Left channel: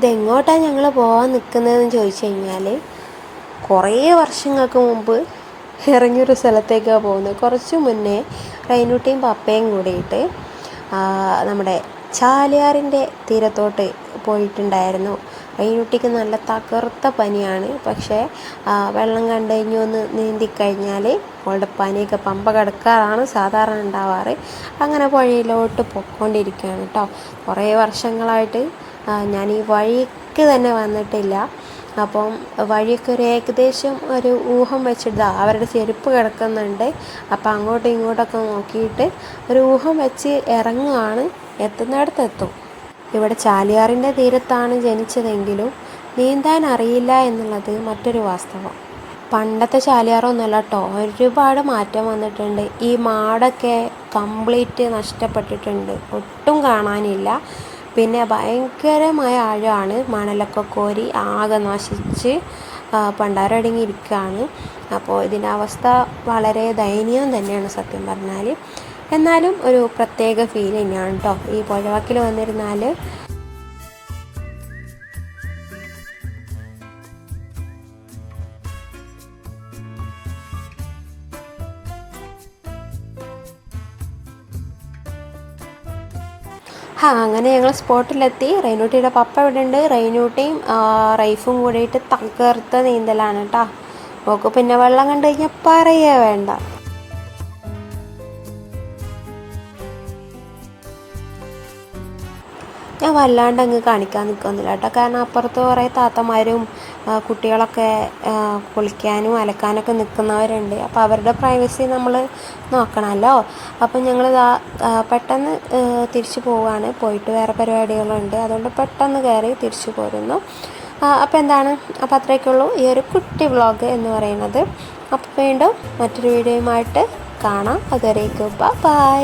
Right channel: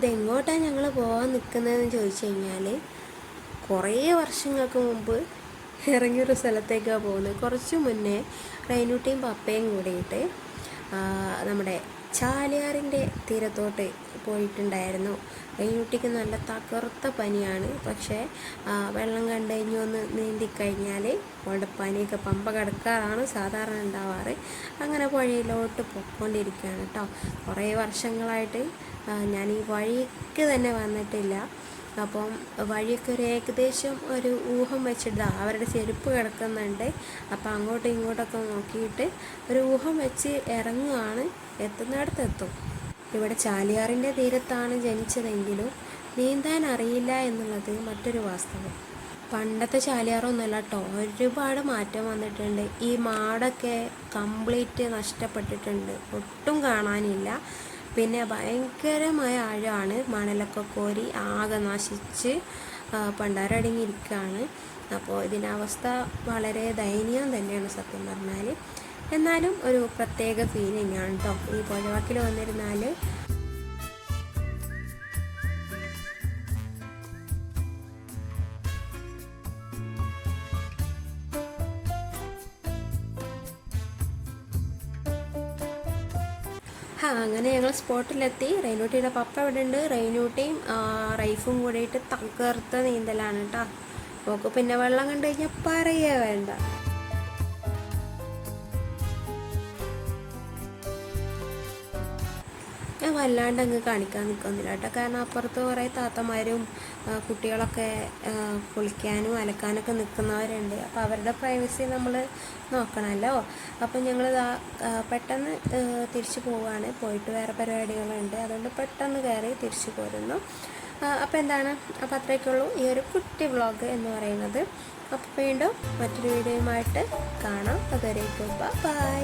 ഇതെങ്ങോട്ടാണ് ഞങ്ങൾ പോകാൻ നിൽക്കുന്നതെന്ന് ചോദിച്ചു കഴിഞ്ഞാൽ കുറേ വർഷങ്ങൾക്ക് മുമ്പ് ഇറങ്ങിയൊരു സ്ഥലത്തേക്കാണ് പോകുന്നത്. കുറച്ച് മുന്നേ റൈനുട്ടിയും പപ്പയും കൂടിയിട്ട് നമ്മുടെ ചാലിയാറിന്റെ തീരത്തോട്ട് പോയിട്ടുണ്ടായിരുന്നു. റൈനുട്ടിക്ക് നല്ല തകർത്ത പനിയാണ്. പക്ഷേ വെള്ളം കണ്ടു കഴിഞ്ഞ് ഒന്ന് നീന്തിക്കഴിഞ്ഞാൽ അവളുടെ പനിയൊക്കെ പമ്പ കിടക്കാറാണ് സാധാരണ ഉണ്ടാവാറ്. അങ്ങനെ പുഴയിലോട്ട് പൊക്കോണ്ടിരിക്കുകയാണ് കേട്ടോ കുറേ വർഷങ്ങളായിട്ട് ഞാൻ ഈ വഴിക്ക് തന്നെ വന്നിട്ടില്ല. അപ്പം വഴിയൊക്കെ ഒരു ഏകദേശം ഒരു ഊഹം വെച്ചിട്ട് അവരുടെ ചെരുപ്പ് കിടക്കുന്നുണ്ട്. അപ്പം അങ്ങോട്ടും ഇങ്ങോട്ടൊക്കെ നോക്കിയിട്ട് ഒരു ഊഹം വെച്ച് ഇറങ്ങുകയാണ് എത്തുന്നിടത്ത് എത്തും ഇവിടെ ചാലിയാറിന്റെ തീരത്താണ് ജനിച്ചതെങ്കിലും നീന്താൻ അറിയില്ല എന്നുള്ളത് മറ്റൊരു വാസ്തവം. പണ്ടത്തെ ചാലിയാറൊന്നുമല്ല കേട്ടോ ഒരുപാട് മാറ്റം വന്നിട്ടുണ്ട്. ഈ മാടൊക്കെ കംപ്ലീറ്റ് നഷ്ടപ്പെട്ടിട്ടുണ്ട്. ഒട്ടും കാണാനില്ല. പിന്നെ ഭയങ്കരമായ ആഴമാണ് മണലൊക്കെ കോരി ആകെ നശിച്ച് പണ്ടാരടങ്ങിയിരിക്കുകയാണ് അപ്പോൾ ഇതിന്റെ അവസ്ഥ വളരെ ദയനീയം തന്നെയാണ് സത്യം പറഞ്ഞാൽ എന്നാലും ഒരു പ്രത്യേക ഫീൽ തന്നെയാണ് കേട്ടോ ഈ പുഴവാക്കിൽ വന്നിരുന്നാൽ ആ അങ്ങനെ ഞങ്ങൾ സ്പോട്ടിലെത്തി. റൈനൂട്ടിയുടെ പപ്പ ഇവിടെ ഉണ്ട് റൈനൂട്ടിയും റൈഫും കൂടിയിട്ട് തകർത്ത നീന്തലാണ് കേട്ടോ നോക്ക് പിന്നെ വെള്ളം കണ്ടു കഴിഞ്ഞാൽ പറയേ വേണ്ട. ഞാൻ വല്ലാണ്ട് അങ്ങ് കാണിക്കാൻ നിൽക്കുന്നില്ല കേട്ടോ. കാരണം അപ്പുറത്ത് കുറേ താത്തമാരും കുട്ടികളൊക്കെ കുളിക്കാനും അലക്കാനൊക്കെ നിൽക്കുന്നവരുണ്ട് അപ്പോൾ അവരുടെ പ്രൈവസി നമ്മൾ നോക്കണമല്ലോ. അപ്പം ഞങ്ങൾ പെട്ടെന്ന് തിരിച്ചു പോവുകയാണ് പോയിട്ട് വേറെ പരിപാടികളുണ്ട്. അതുകൊണ്ട് പെട്ടെന്ന് കയറി തിരിച്ചു പോരുന്നു. അപ്പോൾ എന്താണ്? അപ്പോൾ അത്രയൊക്കെയുള്ളൂ ഈ ഒരു കുട്ടി വ്ളോഗ് എന്ന് പറയുന്നത്. അപ്പോൾ വീണ്ടും മറ്റൊരു വീഡിയോയുമായിട്ട് കാണാം. അതുവരേക്കും. ബൈ